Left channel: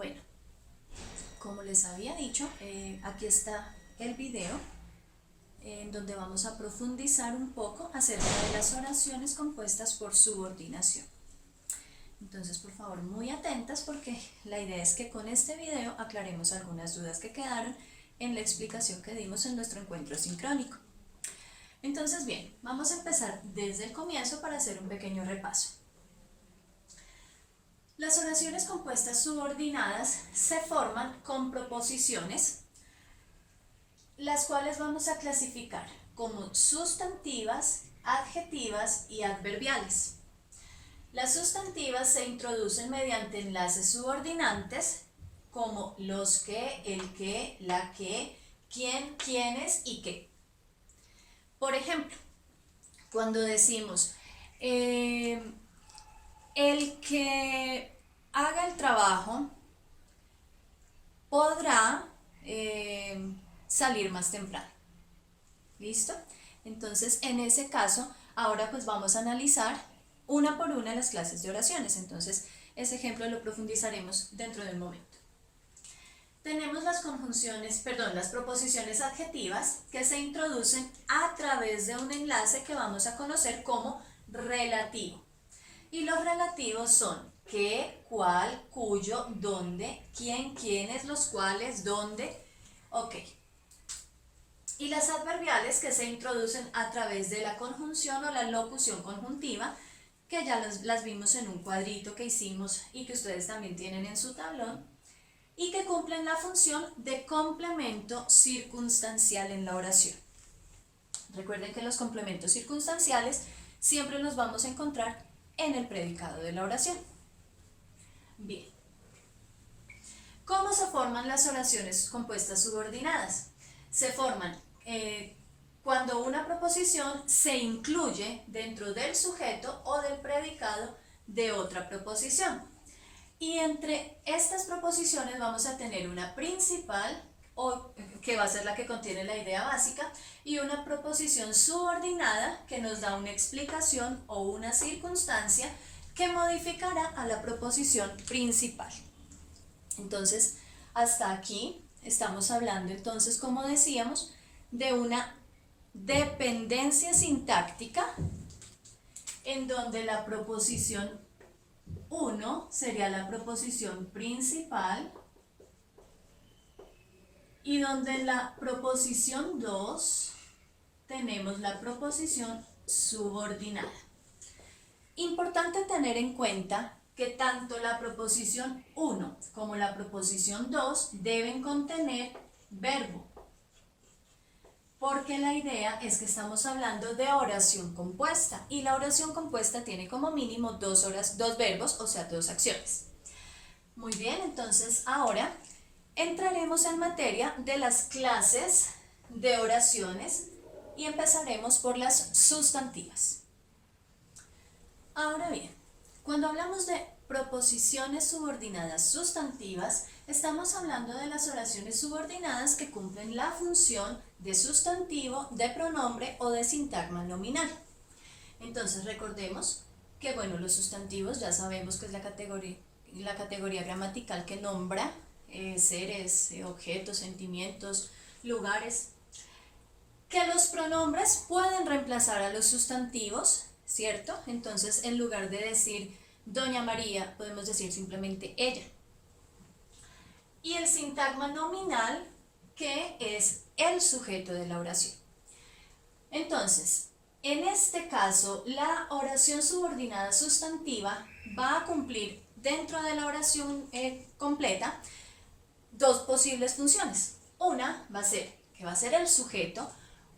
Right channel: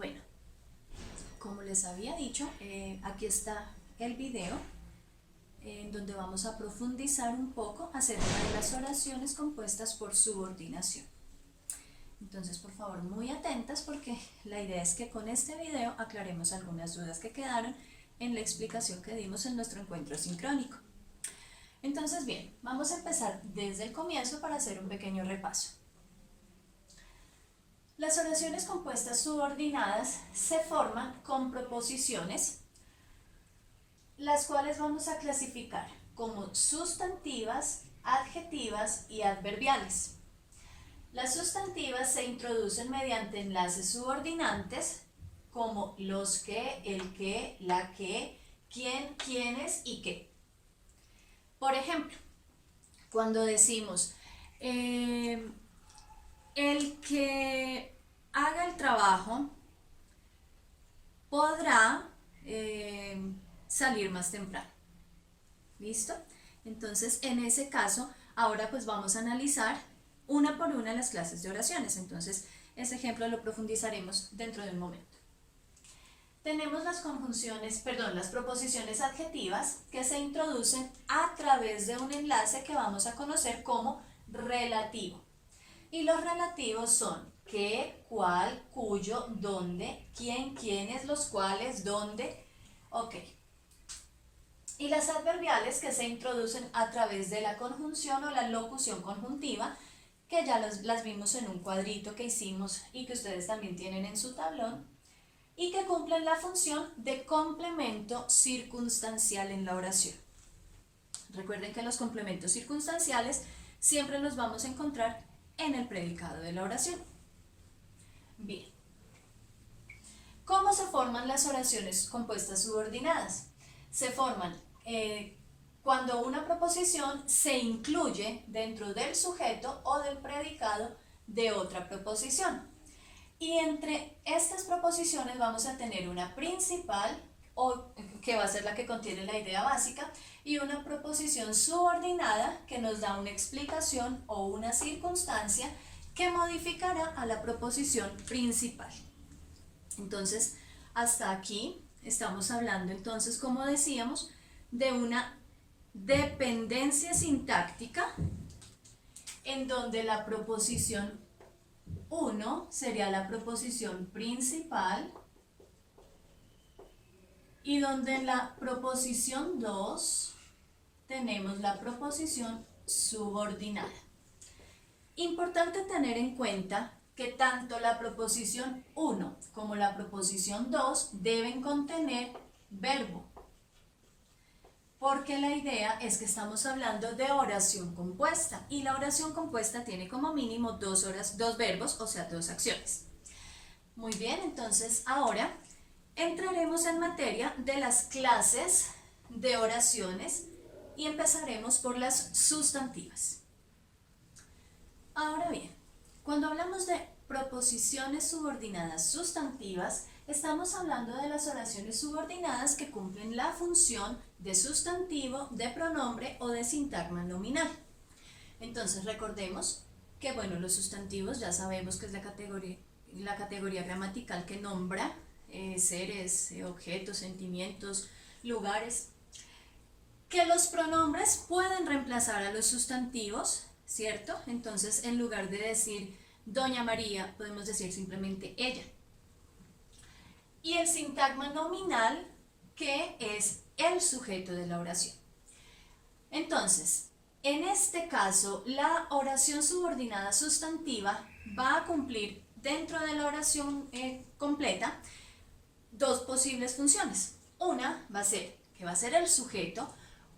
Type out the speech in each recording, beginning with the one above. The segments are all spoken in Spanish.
bueno, como les había dicho, aquí está el video en donde vamos a profundizar un poco acerca de las oraciones compuestas por subordinación. Entonces, por favor, muy atentas porque la idea es que con este video aclaremos algunas dudas que quedaron en la explicación que dimos en nuestro encuentro sincrónico. Entonces, bien, vamos a empezar desde el comienzo para hacer un pequeño repaso. Las oraciones compuestas subordinadas se forman con proposiciones, las cuales vamos a clasificar como sustantivas, adjetivas y adverbiales. Las sustantivas se introducen mediante enlaces subordinantes como los que, el que, la que, quién, quiénes y qué. Por ejemplo, cuando decimos el que haga el trabajo podrá salir más temprano. ¿Listo? Entonces, en ese caso, ahora pues vamos a analizar una por una las clases de oraciones. Entonces, ese ejemplo lo profundizaremos dentro de un momento. Tenemos las proposiciones adjetivas que se introducen a través de un enlace que vamos a conocer como relativo. Y los relativos son qué, cuál, cuyo, dónde, quién, quiénes, los cuales, dónde, ok. Y las adverbiales que se introducen a través de la conjunción o la locución conjuntiva, que ya las vimos en un cuadrito que hicimos y que ustedes también tienen en su tablón, y que cumplen la función de complemento circunstancial en la oración. Recuerden que los complementos circunstanciales siempre los vamos a encontrar en el predicado de la oración. Bien. ¿Cómo se forman las oraciones compuestas subordinadas? Se forman cuando una proposición se incluye dentro del sujeto o del predicado de otra proposición. Y entre estas proposiciones vamos a tener una principal, que va a ser la que contiene la idea básica, y una proposición subordinada que nos da una explicación o una circunstancia que modificará a la proposición principal. Entonces, hasta aquí estamos hablando entonces, como decíamos, de una dependencia sintáctica en donde la proposición 1 sería la proposición principal y donde en la proposición 2 tenemos la proposición subordinada. Importante tener en cuenta que tanto la proposición 1 como la proposición 2 deben contener verbo, porque la idea es que estamos hablando de oración compuesta y la oración compuesta tiene como mínimo dos verbos, o sea, dos acciones. Muy bien, entonces ahora entraremos en materia de las clases de oraciones y empezaremos por las sustantivas. Ahora bien, cuando hablamos de proposiciones subordinadas sustantivas, estamos hablando de las oraciones subordinadas que cumplen la función de sustantivo, de pronombre o de sintagma nominal. Entonces recordemos que los sustantivos ya sabemos que es la categoría gramatical que nombra seres, objetos, sentimientos, lugares. Que los pronombres pueden reemplazar a los sustantivos, ¿cierto? Entonces, en lugar de decir Doña María, podemos decir simplemente ella. Y el sintagma nominal, que es el sujeto de la oración. Entonces, en este caso, la oración subordinada sustantiva va a cumplir dentro de la oración completa dos posibles funciones. Una va a ser que va a ser el sujeto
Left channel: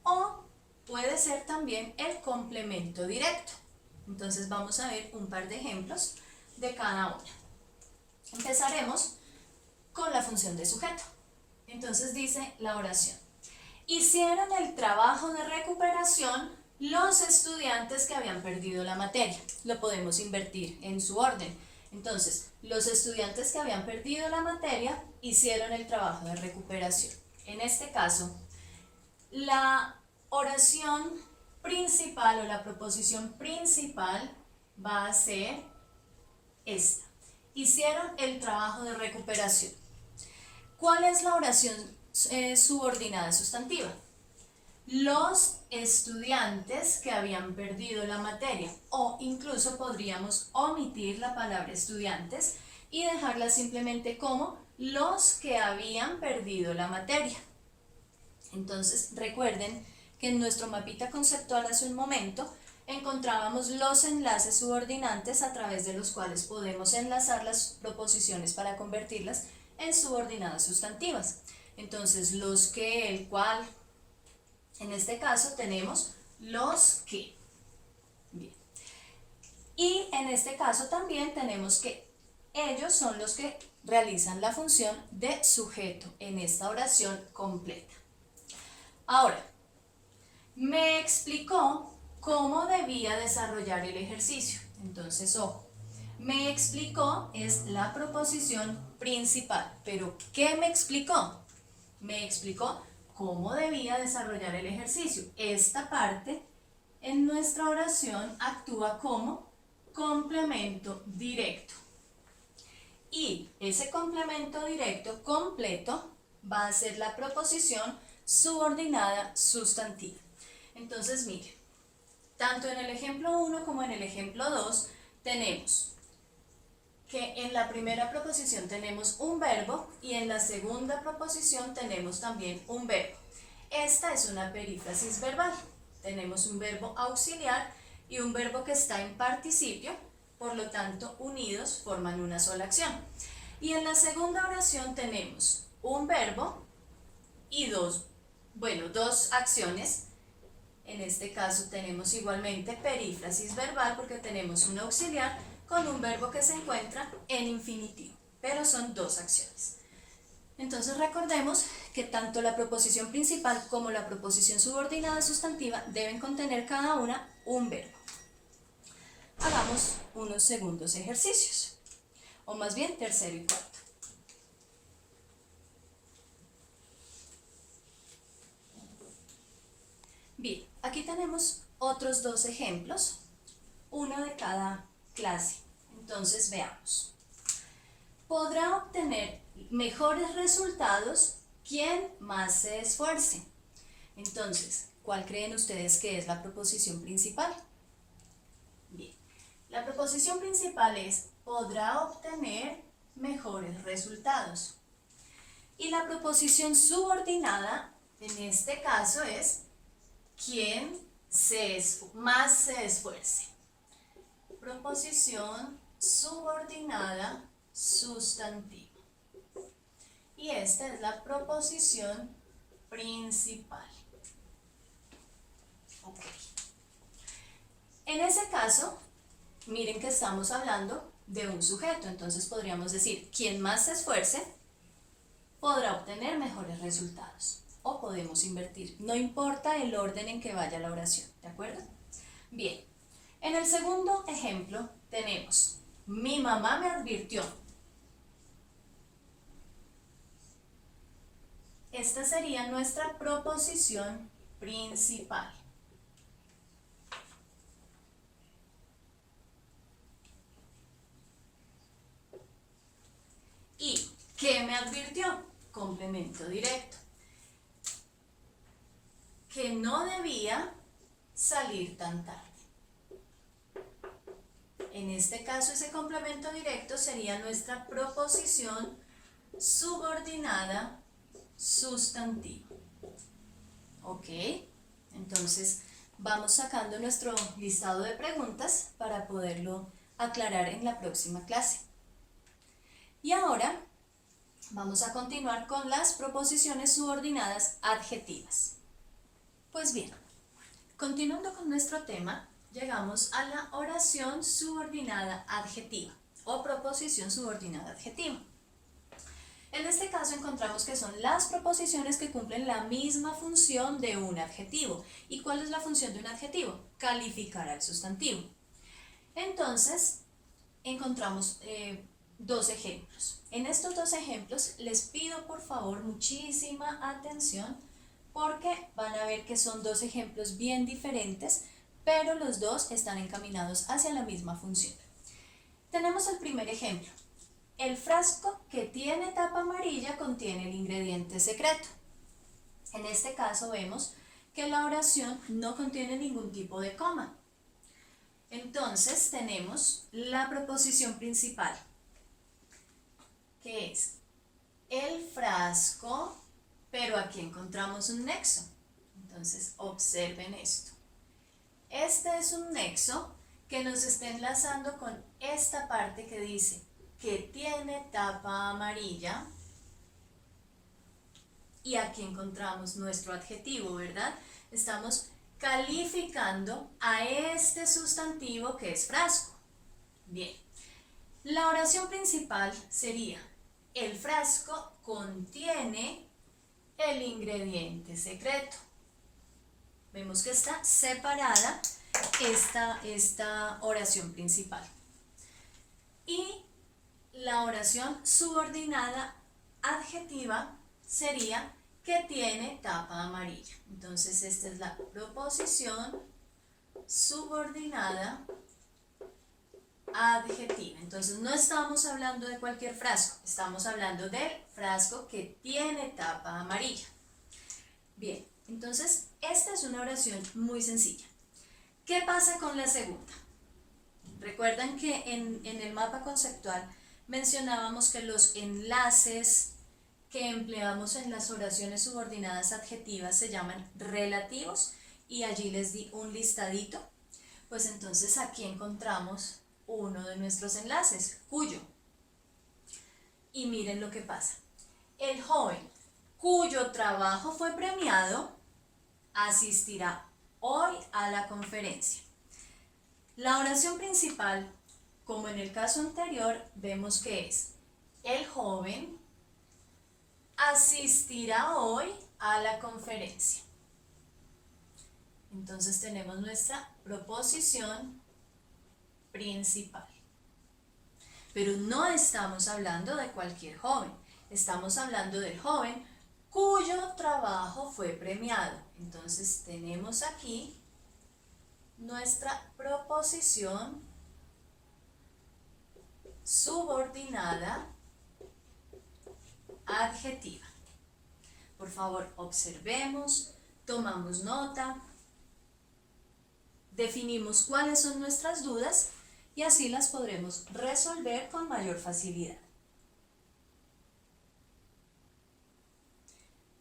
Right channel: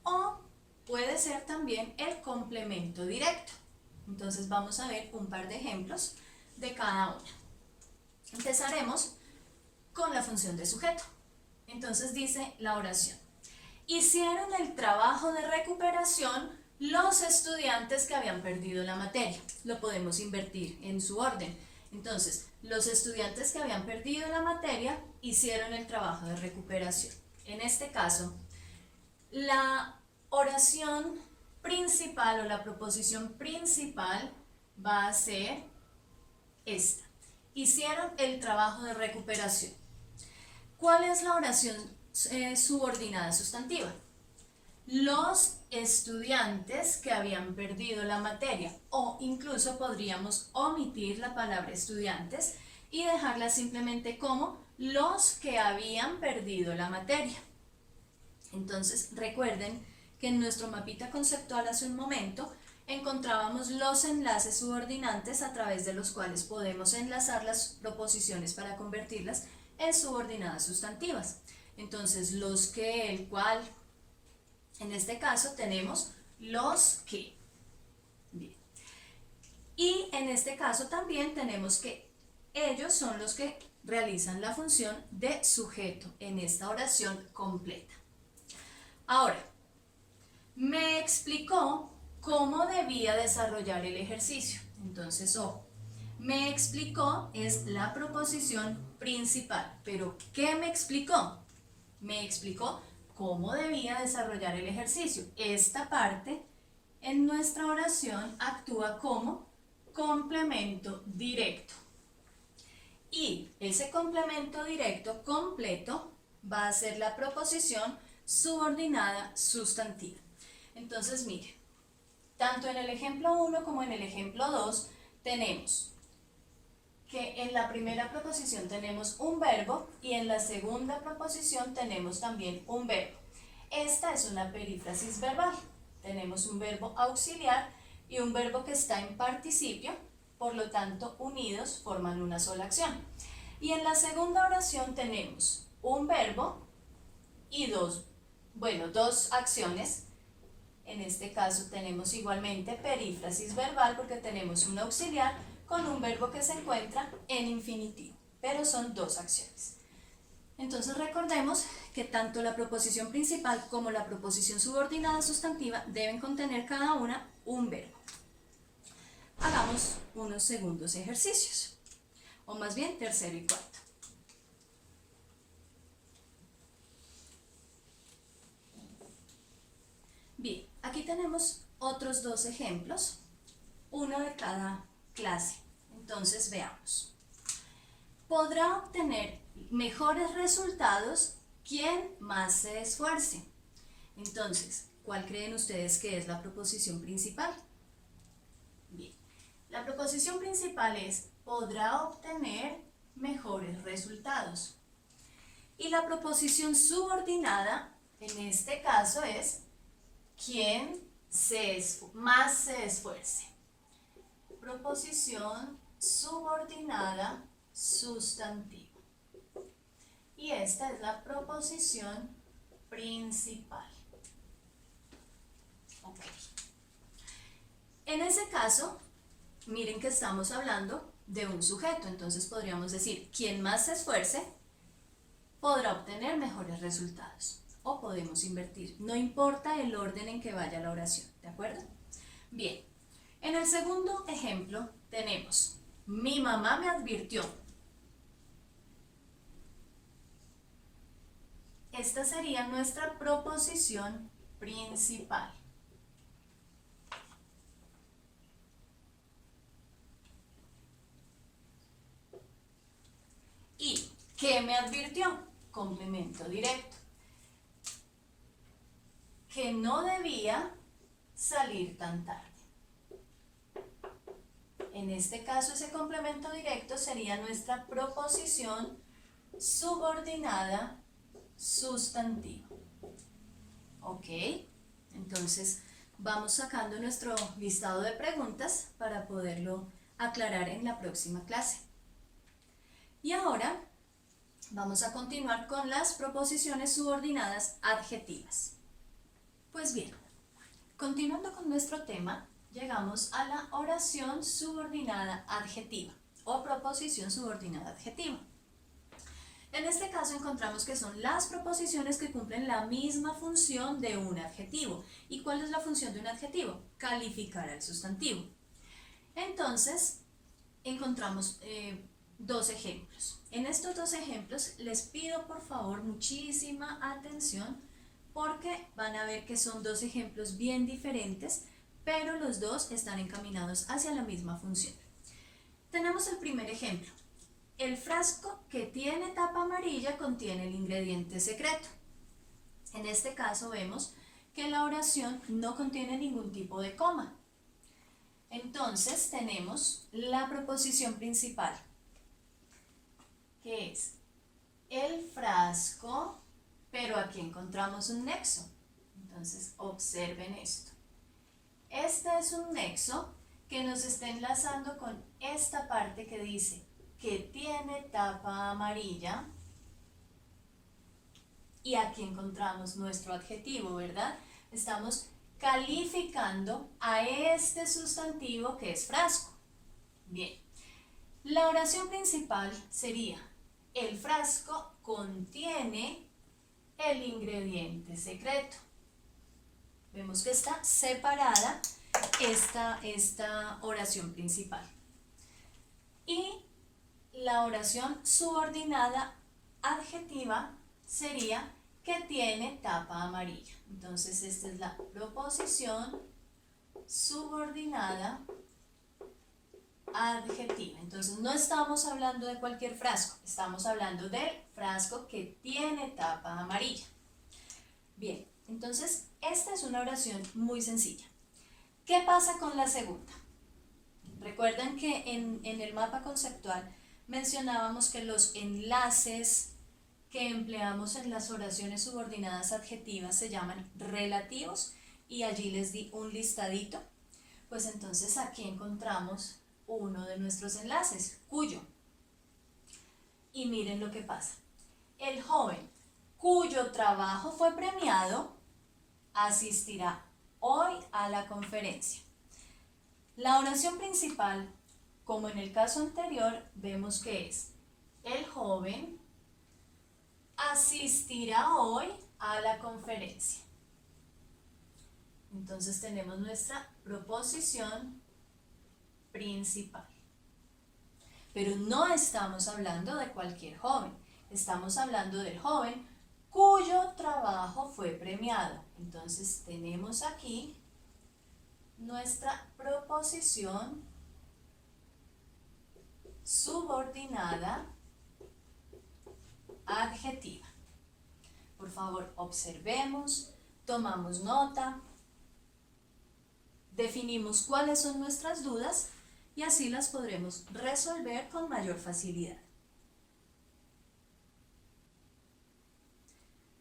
o puede ser también el complemento directo. Entonces vamos a ver un par de ejemplos de cada una. Empezaremos con la función de sujeto. Entonces dice la oración: hicieron el trabajo de recuperación los estudiantes que habían perdido la materia. Lo podemos invertir en su orden. Entonces, los estudiantes que habían perdido la materia hicieron el trabajo de recuperación. En este caso, la oración principal o la proposición principal va a ser esta. hicieron el trabajo de recuperación. ¿Cuál es la oración subordinada sustantiva? Los estudiantes que habían perdido la materia, o incluso podríamos omitir la palabra estudiantes y dejarla simplemente como los que habían perdido la materia. Entonces recuerden que en nuestro mapita conceptual hace un momento encontrábamos los enlaces subordinantes a través de los cuales podemos enlazar las proposiciones para convertirlas en subordinadas sustantivas. Entonces los que, el cual, en este caso tenemos los que. Bien. Y en este caso también tenemos que ellos son los que realizan la función de sujeto en esta oración completa. Ahora, me explicó cómo debía desarrollar el ejercicio. Entonces, ojo, me explicó es la proposición principal. ¿Pero qué me explicó? Me explicó cómo debía desarrollar el ejercicio. Esta parte en nuestra oración actúa como complemento directo. Y ese complemento directo completo va a ser la proposición subordinada sustantiva. Entonces, miren, tanto en el ejemplo 1 como en el ejemplo 2 tenemos que en la primera proposición tenemos un verbo y en la segunda proposición tenemos también un verbo. Esta es una perífrasis verbal. Tenemos un verbo auxiliar y un verbo que está en participio, por lo tanto unidos forman una sola acción. Y en la segunda oración tenemos un verbo y dos acciones. En este caso tenemos igualmente perífrasis verbal porque tenemos un auxiliar con un verbo que se encuentra en infinitivo, pero son dos acciones. Entonces recordemos que tanto la proposición principal como la proposición subordinada sustantiva deben contener cada una un verbo. Hagamos unos segundos ejercicios, o más bien tercero y cuarto. Bien, aquí tenemos otros dos ejemplos, uno de cada clase. Entonces veamos. Podrá obtener mejores resultados quien más se esfuerce. Entonces, ¿cuál creen ustedes que es la proposición principal? Bien, la proposición principal es podrá obtener mejores resultados. Y la proposición subordinada, en este caso, es quien más se esfuerce. Proposición subordinada sustantiva. Y esta es la proposición principal. Ok. En ese caso, miren que estamos hablando de un sujeto, entonces podríamos decir, quien más se esfuerce podrá obtener mejores resultados. O podemos invertir, no importa el orden en que vaya la oración, ¿de acuerdo? Bien, en el segundo ejemplo tenemos, mi mamá me advirtió. Esta sería nuestra proposición principal. ¿Y qué me advirtió? Complemento directo. Que no debía salir tan tarde. En este caso, ese complemento directo sería nuestra proposición subordinada sustantiva. ¿Ok? Entonces, vamos sacando nuestro listado de preguntas para poderlo aclarar en la próxima clase. Y ahora vamos a continuar con las proposiciones subordinadas adjetivas. Pues bien, continuando con nuestro tema, llegamos a la oración subordinada adjetiva o proposición subordinada adjetiva. En este caso encontramos que son las proposiciones que cumplen la misma función de un adjetivo. ¿Y cuál es la función de un adjetivo? Calificar al sustantivo. Entonces, encontramos dos ejemplos. En estos dos ejemplos les pido por favor muchísima atención porque van a ver que son dos ejemplos bien diferentes, pero los dos están encaminados hacia la misma función. Tenemos el primer ejemplo. el frasco que tiene tapa amarilla contiene el ingrediente secreto. En este caso vemos que la oración no contiene ningún tipo de coma. Entonces tenemos la proposición principal, que es el frasco, pero aquí encontramos un nexo. Entonces observen esto. Este es un nexo que nos está enlazando con esta parte que dice que tiene tapa amarilla. Y aquí encontramos nuestro adjetivo, ¿verdad? Estamos calificando a este sustantivo que es frasco. Bien, la oración principal sería: el frasco contiene el ingrediente secreto. Vemos que está separada esta oración principal. Y la oración subordinada adjetiva sería que tiene tapa amarilla. Entonces esta es la proposición subordinada adjetiva. Entonces no estamos hablando de cualquier frasco, estamos hablando del frasco que tiene tapa amarilla. Bien, entonces esta es una oración muy sencilla. ¿Qué pasa con la segunda? Recuerdan que en el mapa conceptual mencionábamos que los enlaces que empleamos en las oraciones subordinadas adjetivas se llaman relativos y allí les di un listadito. Pues entonces aquí encontramos uno de nuestros enlaces, cuyo. Y miren lo que pasa. El joven cuyo trabajo fue premiado asistirá hoy a la conferencia. La oración principal, como en el caso anterior, vemos que es: el joven asistirá hoy a la conferencia. Entonces tenemos nuestra proposición principal. Pero no estamos hablando de cualquier joven, estamos hablando del joven cuyo trabajo fue premiado. Entonces tenemos aquí nuestra proposición subordinada adjetiva. Por favor, observemos, tomamos nota, definimos cuáles son nuestras dudas y así las podremos resolver con mayor facilidad.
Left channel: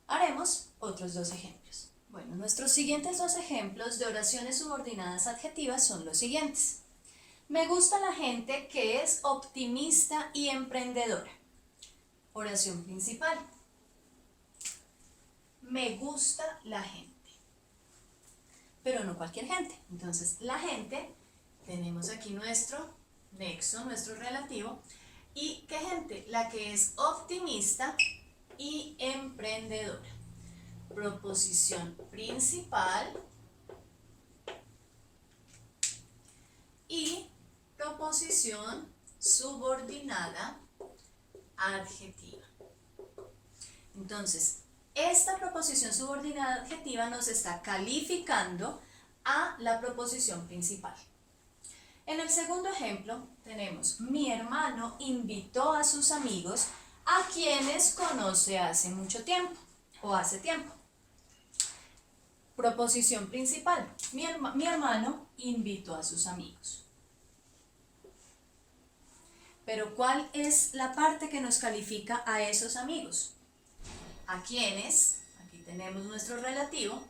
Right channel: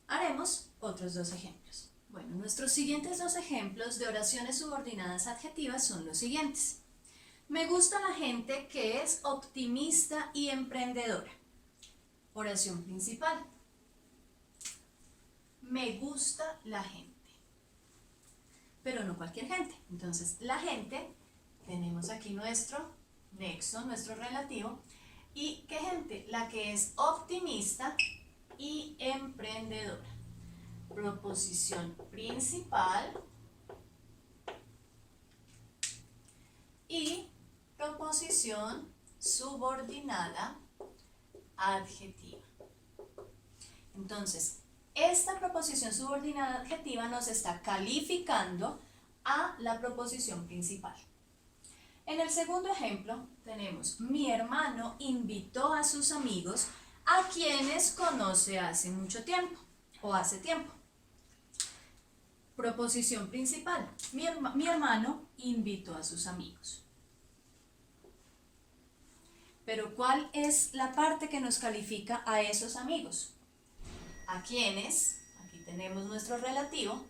Haremos otros dos ejemplos. Bueno, nuestros siguientes dos ejemplos de oraciones subordinadas adjetivas son los siguientes. Me gusta la gente que es optimista y emprendedora. Oración principal. Me gusta la gente. Pero no cualquier gente. Entonces, la gente, tenemos aquí nuestro nexo, nuestro relativo. ¿Y qué gente? La que es optimista y emprendedora. Proposición principal y proposición subordinada adjetiva. Entonces, esta proposición subordinada adjetiva nos está calificando a la proposición principal. En el segundo ejemplo tenemos: mi hermano invitó a sus amigos a quienes conoce hace mucho tiempo o hace tiempo. Proposición principal: mi hermano invitó a sus amigos. Pero ¿cuál es la parte que nos califica a esos amigos? A quienes, aquí tenemos nuestro relativo,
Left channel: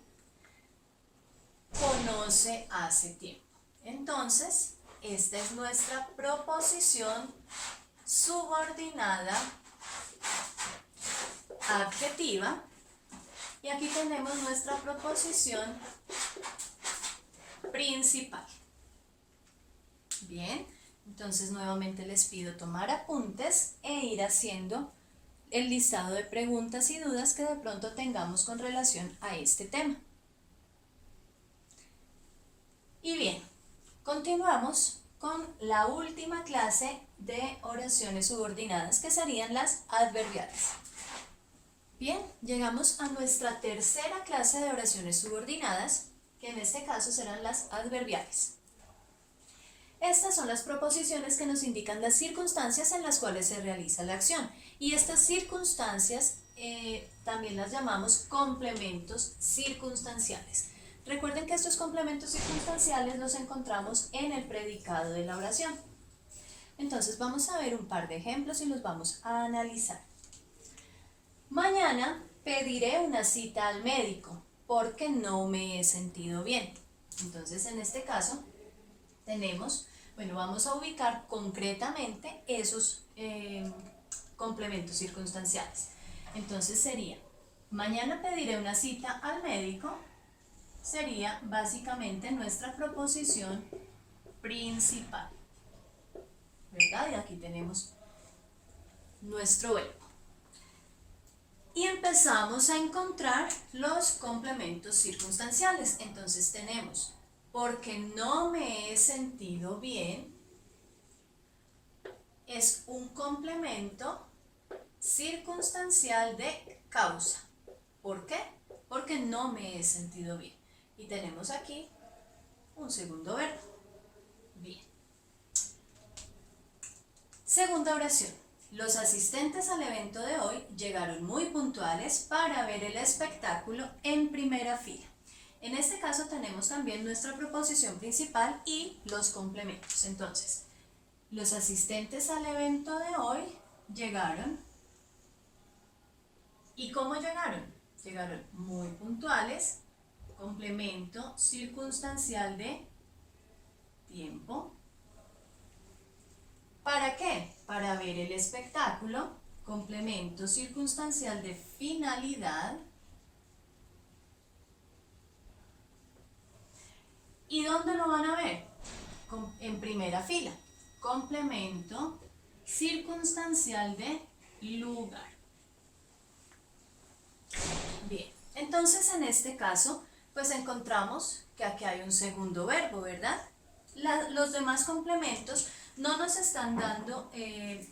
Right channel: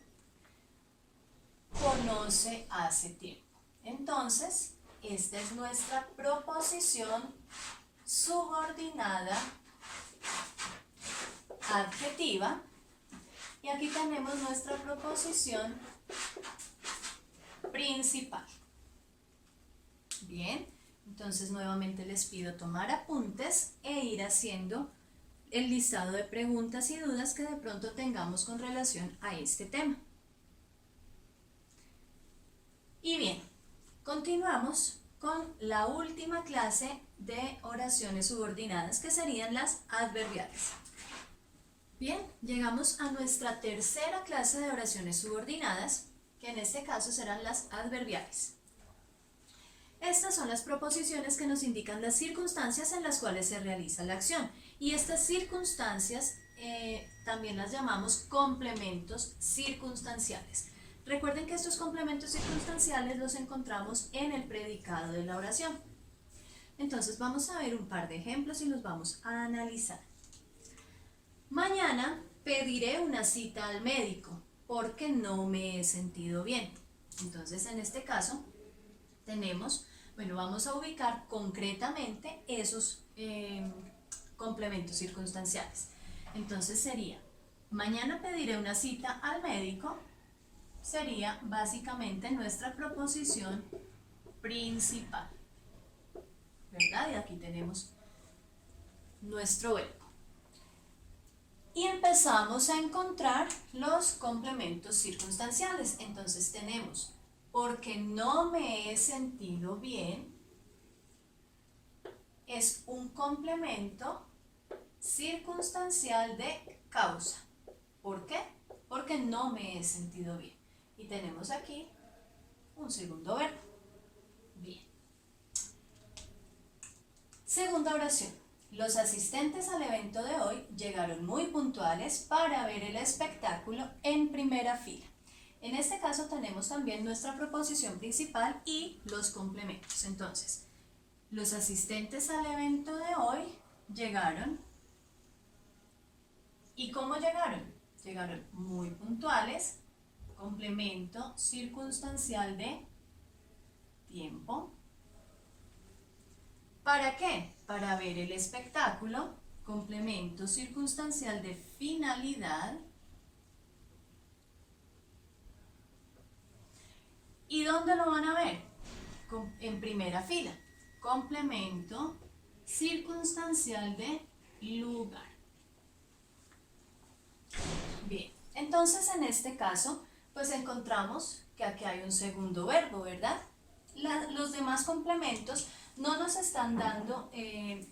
conoce hace tiempo. Entonces, esta es nuestra proposición subordinada adjetiva. Y aquí tenemos nuestra proposición principal. Bien, entonces nuevamente les pido tomar apuntes e ir haciendo el listado de preguntas y dudas que de pronto tengamos con relación a este tema. Y bien, continuamos con la última clase de oraciones subordinadas, que serían las adverbiales. Bien, llegamos a nuestra tercera clase de oraciones subordinadas, que en este caso serán las adverbiales. Estas son las proposiciones que nos indican las circunstancias en las cuales se realiza la acción. Y estas circunstancias también las llamamos complementos circunstanciales. Recuerden que estos complementos circunstanciales los encontramos en el predicado de la oración. Entonces vamos a ver un par de ejemplos y los vamos a analizar. Mañana pediré una cita al médico porque no me he sentido bien. Entonces en este caso tenemos, bueno, vamos a ubicar concretamente esos complementos circunstanciales. Entonces sería, mañana pediré una cita al médico, sería básicamente nuestra proposición principal, ¿verdad? Y aquí tenemos nuestro verbo. Y empezamos a encontrar los complementos circunstanciales. Entonces tenemos, porque no me he sentido bien, es un complemento circunstancial de causa. ¿Por qué? Porque no me he sentido bien. Y tenemos aquí un segundo verbo. Bien. Segunda oración. Los asistentes al evento de hoy llegaron muy puntuales para ver el espectáculo en primera fila. En este caso tenemos también nuestra proposición principal y los complementos. Entonces, los asistentes al evento de hoy llegaron. ¿Y cómo llegaron? Llegaron muy puntuales, complemento circunstancial de tiempo. ¿Para qué? Para ver el espectáculo, complemento circunstancial de finalidad. ¿Y dónde lo van a ver? En primera fila, complemento circunstancial de lugar. Bien, entonces en este caso, pues encontramos que aquí hay un segundo verbo, ¿verdad? Los demás complementos no nos están dando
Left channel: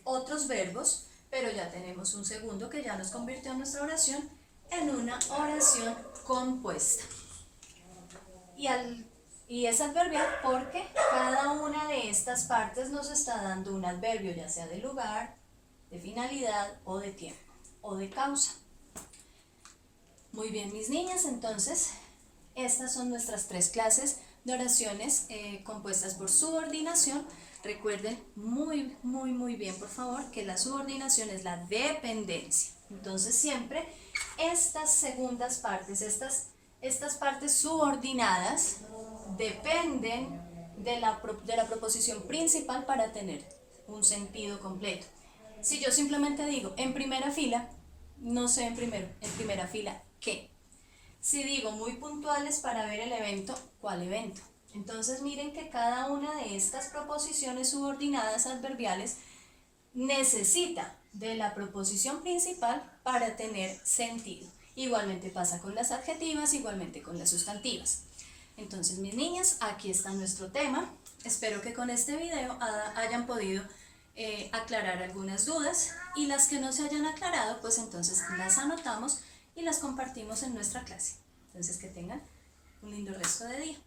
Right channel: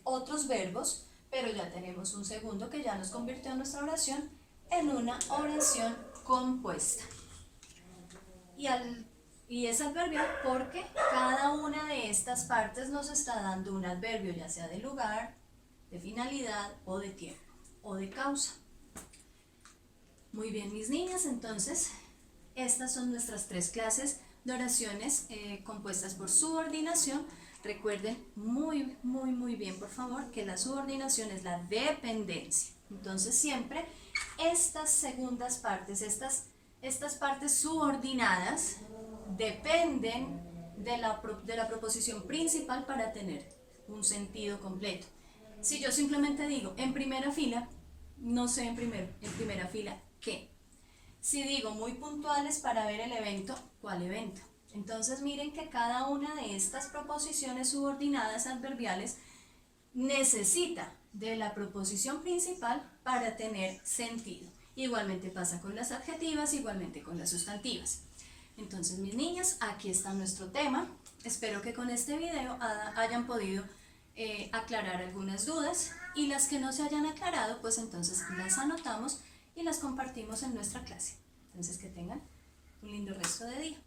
otros verbos, pero ya tenemos un segundo que ya nos convirtió nuestra oración en una oración compuesta. Y es adverbial porque cada una de estas partes nos está dando un adverbio, ya sea de lugar, de finalidad o de tiempo o de causa. Muy bien, mis niñas, entonces estas son nuestras 3 clases de oraciones compuestas por subordinación. Recuerden muy bien, por favor, que la subordinación es la dependencia. Entonces siempre estas segundas partes, estas partes subordinadas dependen de la proposición principal para tener un sentido completo. Si yo simplemente digo en primera fila, no sé en primera fila qué. Si digo muy puntuales para ver el evento, ¿cuál evento? Entonces miren que cada una de estas proposiciones subordinadas adverbiales necesita de la proposición principal para tener sentido. Igualmente pasa con las adjetivas, igualmente con las sustantivas. Entonces, mis niñas, aquí está nuestro tema. Espero que con este video hayan podido aclarar algunas dudas, y las que no se hayan aclarado, pues entonces las anotamos y las compartimos en nuestra clase. Entonces, que tengan un lindo resto de día.